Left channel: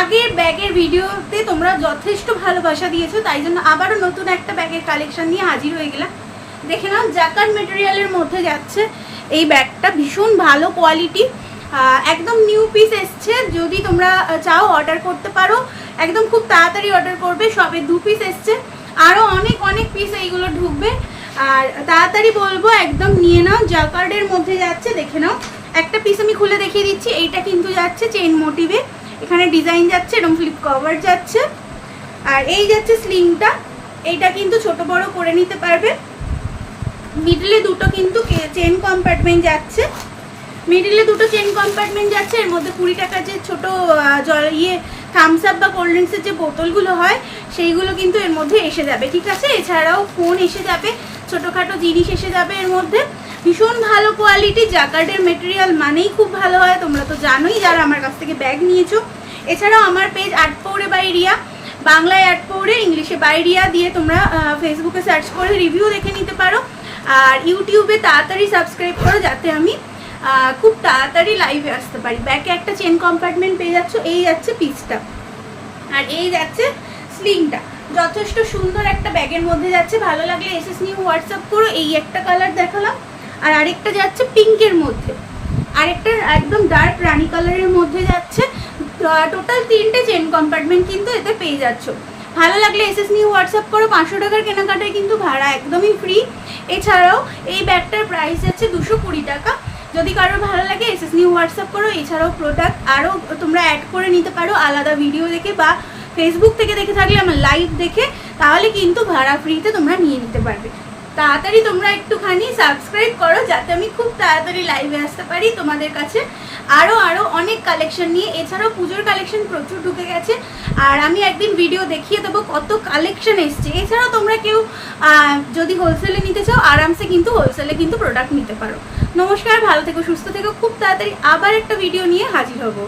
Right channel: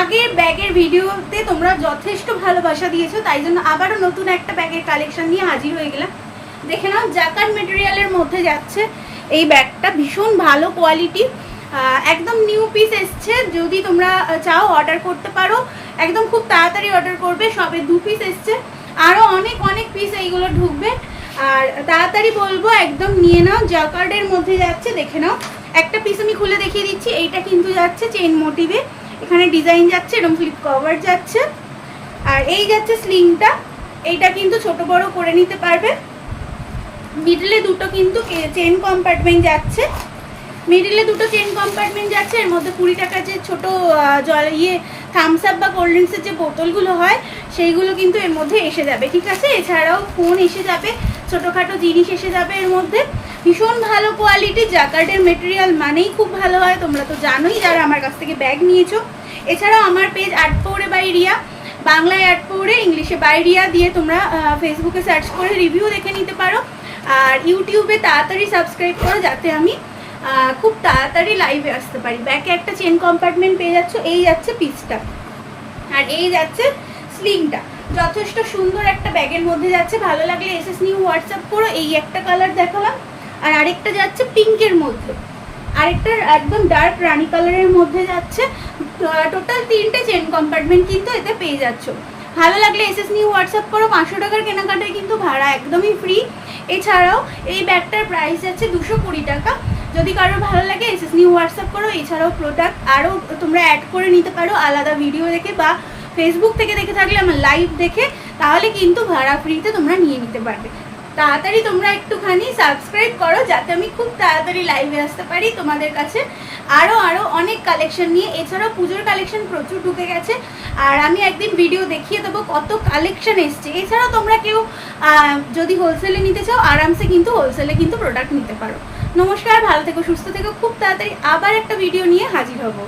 আগের ব্যাগের ভিডিওতে তোমরা যথেষ্ট ভালোবাসা দিয়েছো, তাই জন্য আবারও নতুন একটা ব্যাগের কালেকশন নিয়ে হাজির হয়ে গেলাম। দেখে নাও, জাকার্ড মেটেরিয়ালের মধ্যে যাচ্ছে এই ব্যাগটা, ভীষণ ভালো কোয়ালিটি, একদম নিউ পিস এসছে। যদি তোমরা চাও অর্ডার করতে পারো, একদম খুব তাড়াতাড়ি অর্ডার করবে। সবে 2 পিস এসছে, আরও অনেক অনেক পিস এইগুলো ঢুকবে। আর তাড়াতাড়ি বলবো একদম নিয়ে নাও। জাকার্ডের মধ্যে যাচ্ছে, দেখে নাও। একটা পিস আমি খুলে দেখিয়ে দিচ্ছি। এইটা কিন্তু যাচ্ছে চেইন মোটিভে, এখানে ডিজাইন যাচ্ছে, এরকম ফ্লিপ কভার যাচ্ছে। আর এই যাচ্ছে স্লিংটা, এইটা কিন্তু ছোট বড় করে নিতে পারবে। মিডলে দুটো কিন্তু চেন কম্পার্টমেন্ট যাচ্ছে, মিডিলে দুটো চেন কম্পার্টমেন্ট যাচ্ছে। এর মধ্যে 20 টাকার যে ছোটো জল থামস আপ বা কোল্ড ড্রিঙ্কসের যে বোতলগুলো হয় সেইগুলো কিন্তু এর মধ্যে এসে যাবে, ঠিক আছে। এছাড়াও ফোন এসে যাবে, ছোটোখাটো জিনিস এসে যাবে এর মধ্যে। ভীষণ ভালো কোয়ালিটি, জাকার্ডের মেটেরিয়াল মানেই খুব ভালো হয়, তোমরা তো জানোই যারা আমার কাছ থেকে ব্যাগ নিয়েছো। এছাড়াও আমার পেজ আর্ট পৌরে বাই রিয়া, বাংলায় আর্ট পৌরে, ইংলিশে বাই রিয়া দিয়ে তোমরা ফেসবুকে সার্চ করে রিভিউ দেখে নিতে পারো। আর ইউটিউবে তাড়াতাড়ি সাবস্ক্রাইব করো, যাতে আমি খুব তাড়াতাড়ি লাইভে আসতে পারি। ব্যাকে একটা চেন কম্পার্টমেন্ট পেয়ে যাচ্ছ। এই যাচ্ছে পিসটা, আর এই যাচ্ছে স্লিংটা। যথেষ্ট সুন্দর একটা ব্যাগের মধ্যে যাচ্ছে। ভালো লাগলে এসএস নিউ হোয়াটসঅ্যাপ করো। এই একটা কালার দেখালাম, আর আরেকটা যাচ্ছে পিঙ্কের মধ্যে, আরেকটা একদম ডার্ক রানি কালারের মধ্যে যাচ্ছে। টোটাল 3টে চেন কম্পার্টমেন্ট কিন্তু এতে পেয়ে যাচ্ছ। ভালো লাগলে এসএস নিউ হোয়াটসঅ্যাপ করো। 500 টাকার কেনাকাটায় কিন্তু ভাড়া একদমই ফ্রি। এছাড়াও এই ব্যাগটার প্রাইস যাচ্ছে 220 টাকা। যদি কারোর ভালো লাগে এসএস নিউ হোয়াটসঅ্যাপ করো। এছাড়াও প্রোডাক্ট আরও তোমরা অ্যাড করে নিতে পারো আলাদা ভিডিও দেখে, বা ফেসবুক থেকে দেখে থাকলে আমার লাইভ দেখে, তাহলে কিন্তু ভাড়া ফ্রিতে তোমরা নিয়ে নিতে পারবে। তাড়াতাড়ি তোমরা একটুখানি সাবস্ক্রাইব করো, যাতে আমি খুব তাড়াতাড়ি লাইভে আসতে পারি তোমাদের কাছে আরও অনেক কালেকশন নিয়ে। এছাড়াও পুজোর কালেকশন প্রচুর ঢুকে গেছে, আর আমি একদিন ভিডিও দেখিয়ে দেবো কত কালেকশন এসছে। এছাড়াও তোমরা কেউ যদি হোলসেলে নিতে চাও, আরামসে কিন্তু হোলসেলে কিন্তু প্রোডাক্ট নিতে পারো। নমস্কার, ভালো থেকো, সুস্থ থেকো। খুব তাড়াতাড়ি আবার একটা ভিডিও নিয়ে হাজির হবো।